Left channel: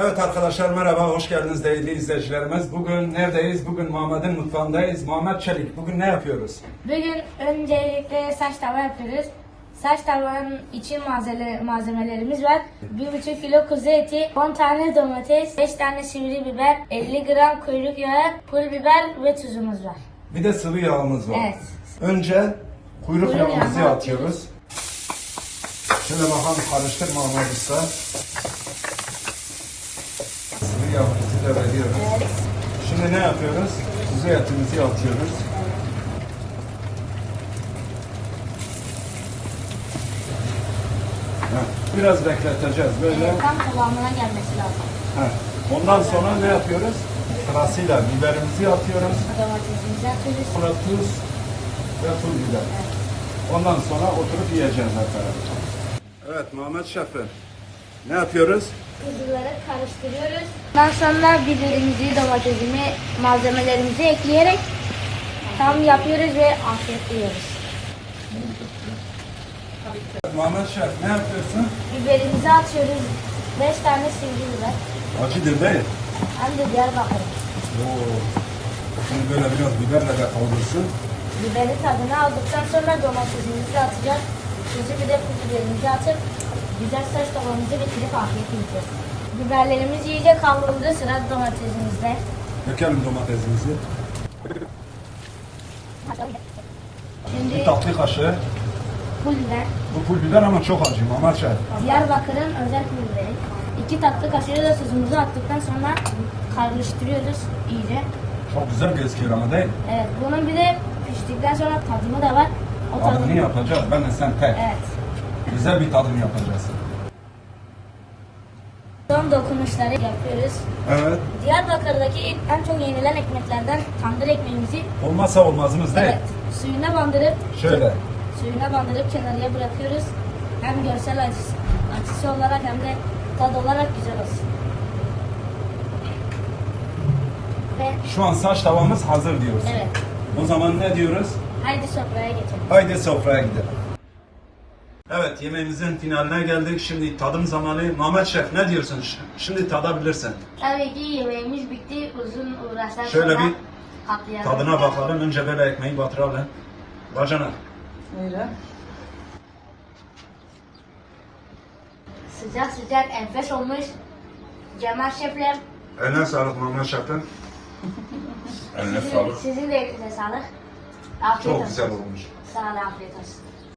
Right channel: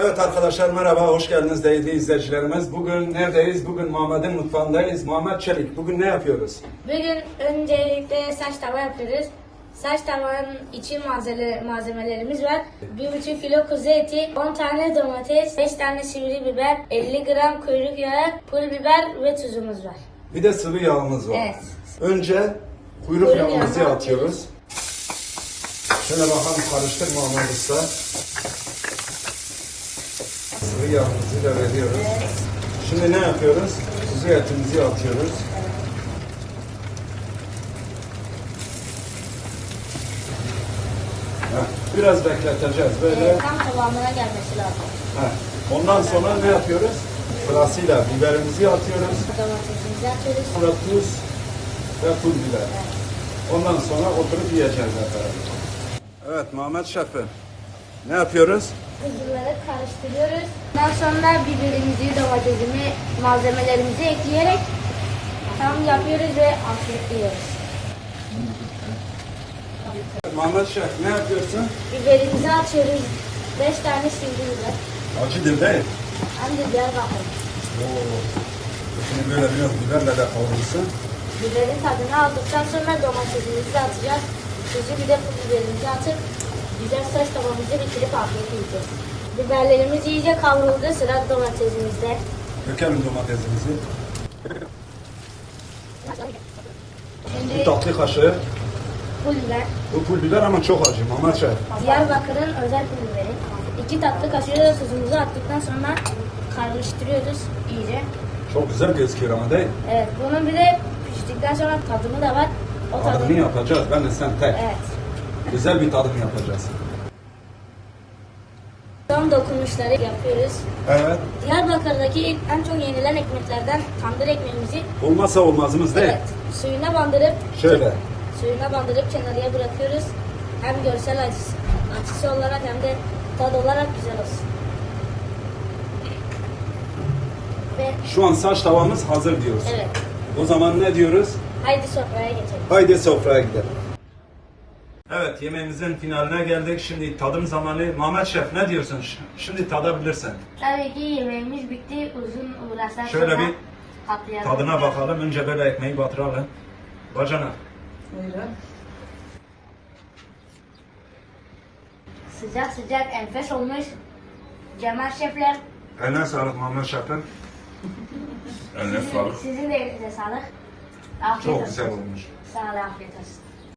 Evet arkadaşlar merhaba, hoş geldiniz değerli izleyicilerimiz. Bugün neredeyiz? Bugün Muhammed'in mutfağındayız. Muhammed Çelik, bugün ne yapıyoruz? Bugün öncelikle saç tava yapıyoruz. Saç tavanın için malzeme, malzemelerimiz var. 1,5 kilo kuzu eti, 10 tane domates, 5 tane sivri biber, 50 gram kuyruk yağı, pul biber ve tuzumuz var. Bir de sıvı yağımız var. Evet. Önce kuyruk, Kuyruk yağımızı atıyoruz. Şöyle bakalım karıştır Muhammed Usta. Sıvı yağımızı da veriyoruz. Şimdi ne yapıyoruz? Kuzu etimizi atıyoruz. Heh, Biraz bekleteceğiz böyle. Evet, tam kıvamına gelmesi lazım. Heh. Ondan sonra ne yapıyoruz? Sırasıyla biberimizi atıyoruz. Domatesimizi atıyoruz. Sonra tuz ve pul biber. Ondan sonra oturup yiyeceğiz hep beraber. Evet Muhammed Şefim. Ne yapıyoruz? Kuzuları karıştırıyoruz. Ondan sonra biberimizi, domatesini, malzemelerimizi ekleyerek tam yapıyoruz ve afiyetliyoruz. Muhammed Şef ne yapıyorsun? Biberimizi atıyoruz. 5 tane sivri biber. Acıdır değil. Hem de Diyarbakır. Şimdi böyle biraz biberle de kavrulsun. Biberin tadını aldıktan sonra domatesimizi atacağız. Tuzu bir de biberimizi atıp güzel saç tavamızı bitirip afiyet yiyeceğiz. Biberlerimiz iyice kavruldu. Sıra domatesimizde. Dökelim domatesimizi. Bir tatlı kaşığı. pul biber. Bu pul biber ama çok acı Muhammed Şef. Diyarbakır'ın özel pul biberi. İki tatlı kaşığı da tuzumuzu attıktan sonra karıştırıyoruz iyice. Çok güzel gözüküyor ama değil mi? Evet, bunun bir de piştikten sonra tadımı da var. O Tadımını tadını... yapacağız. Ben de sen tek. Evet. Güzel bir tadım yapacağız. Son dokunuşları yapıyoruz. Evet. Diyarbakır'daki en çok yenilen ekmeklerden tandır ekmeğimizi Olmazsa olmazımız değil. evet, suyuna bandırıp Şöyle. suyuna bandırıp kenarıya bırakıyoruz. Hem görsel açısı, açısı olarak hem de tad olarak güzel olsun. Ve Şu an saç tavamız hazır diyoruz. evet, O zaman ne diyoruz? haydi sofraya geçelim. Haydi sofraya gidelim. Evet yemeğimizin finaline geldik. Şimdi tadım zamanı. Mehmet Şef ne diyorsun? Şimdi tadabilirsin. Tabii ki yemeğimiz bitti. Uzun uğraşlar Şöyle sonra bir patlayalım. Tadına bakalım. Önce böyle ekmeği batıralım. Bacana. Sıcak sıcak enfes olmuş. Cemal şefler Eline sağlık Mehmet Şef'im. Eline sizin, sizin de elinize sağlık. Afiyet Çok olsun. güzel olmuş. Sağ ol, afiyet olsun.